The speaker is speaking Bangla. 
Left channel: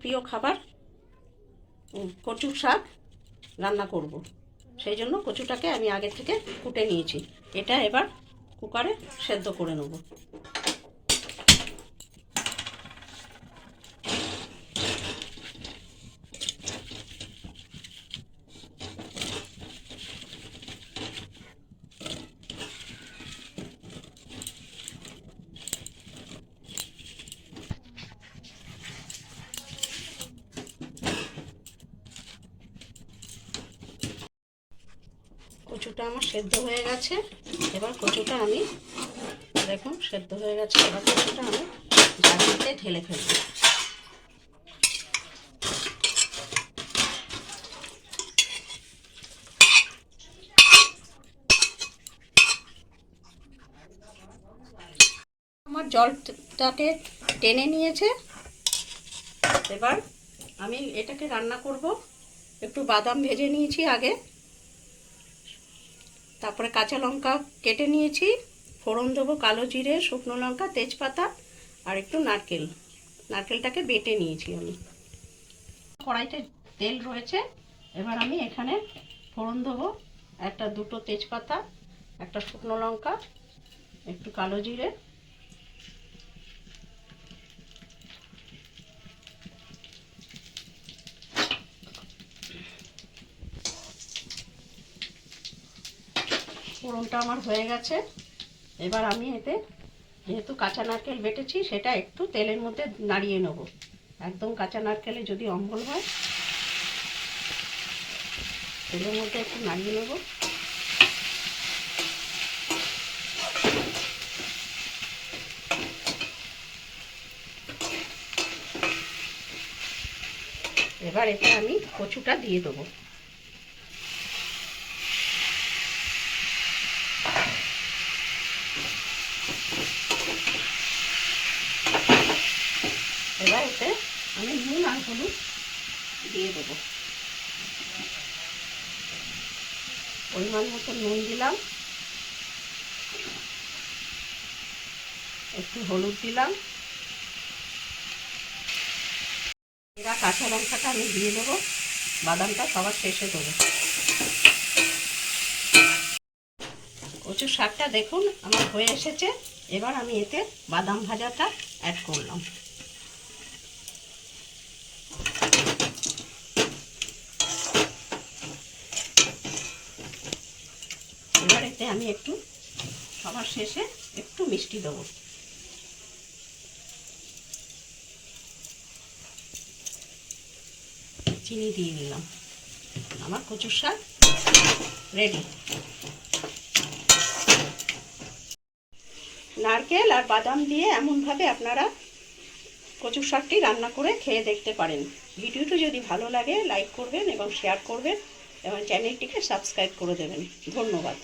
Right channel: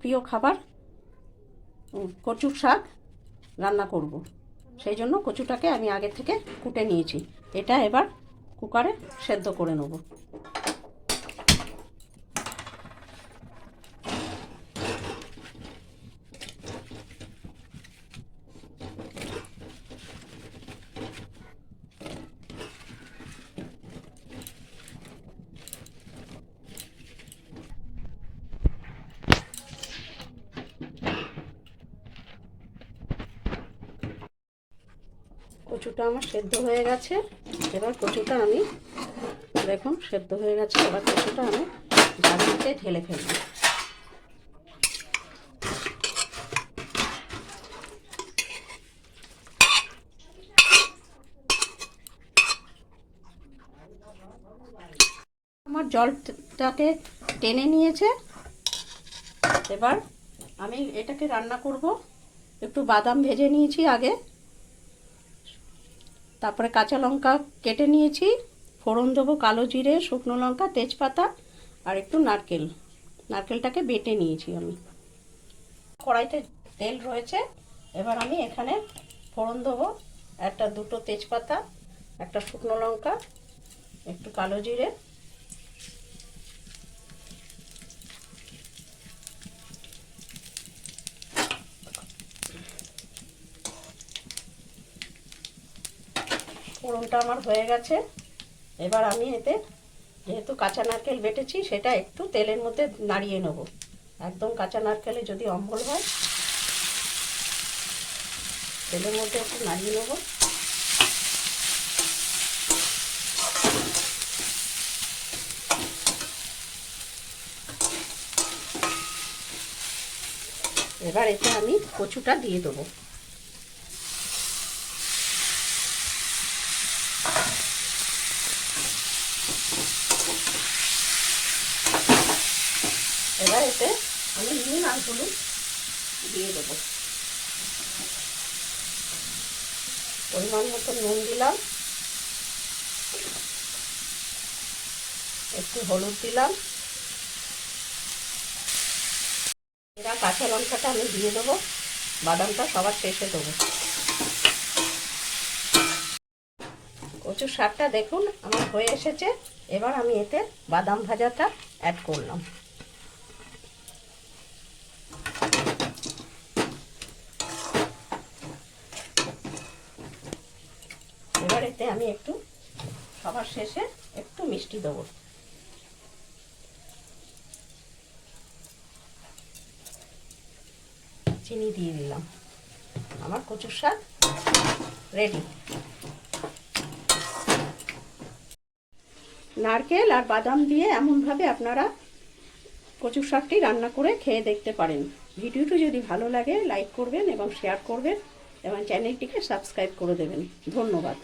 প্রিয় খাবার কচুর শাক রান্না করব। সেই জন্য কচুটাকে আমি আগের থেকে কুটে নিয়েছি। এটা এবার কুকারে সেদ্ধ করে নেব। কচুটা আমার সেদ্ধ হয়ে গেছে। এবার কচুটা আমি, দেখুন, সেদ্ধ হয়ে গেছে। এবার কচুটা আমি ঝাড়িতে ঢেলে ফেলব। আমার জলটাকে টেনে নিয়েছে। এবার আমি এটাকে রান্না করব। একটু বাদাম ভেজে নিয়েছি আগে। তারপরে কাঁচা লঙ্কা কেটে নিয়েছি, ফোড়ন দেবো কালো জিরে, শুকনো লঙ্কা, তেজপাতা আর একটু নারকেল। নারকেলটাকে বেটে নিয়েছি আমি। কড়াইতে তেল রয়েছে, এবার আমি এখানে ফোড়ন দেবো। একটা দুটো তেজপাতা, একটা শুকনো লঙ্কা, একটু কালো জিরে ফোড়নটা আমার হয়ে গেছে। এবার আমি এতে যেহেতু কাঁচা নারকেল বেটেছি, সেটা একটু তেলের মধ্যে নাড়িয়ে নেব। একদম কাঁচা নারকেলে যদি অম্বল হয়, তেলের মধ্যে একটু নাড়িয়ে নেব। এবার এতে আমি কচুটা দিয়ে দেবো এবার এতে আমি নুন আর হলুদ দিয়ে দেবো। পরিমাণ মতো নুন দিলাম। একটু হলুদ দিলাম। এরা কাঁচা লঙ্কাটা আমি দিয়ে দেবো। বাদামটা সবার শেষে দেবো। কচুর শাকটা দেখুন, আমার হয়ে এসেছে। এবার আমি এতে বাদাম ভাজাটা অ্যাড করলাম এবার এতে আমি একটু সবার শেষে একটু মিষ্টি দেবো। চিনি দিয়ে দিলাম আমার কচুর শাক রেডি নারকেল আর বাদাম দিয়ে এমনভাবে আপনারা কচুর শাকটি রান্না করে খেয়ে দেখতে পারেন। ভিডিওটি যদি ভালো লাগে, লাইক করবেন এবং শেয়ার করবেন এবং চ্যানেলটিকে সাবস্ক্রাইব করে দেবেন। ধন্যবাদ।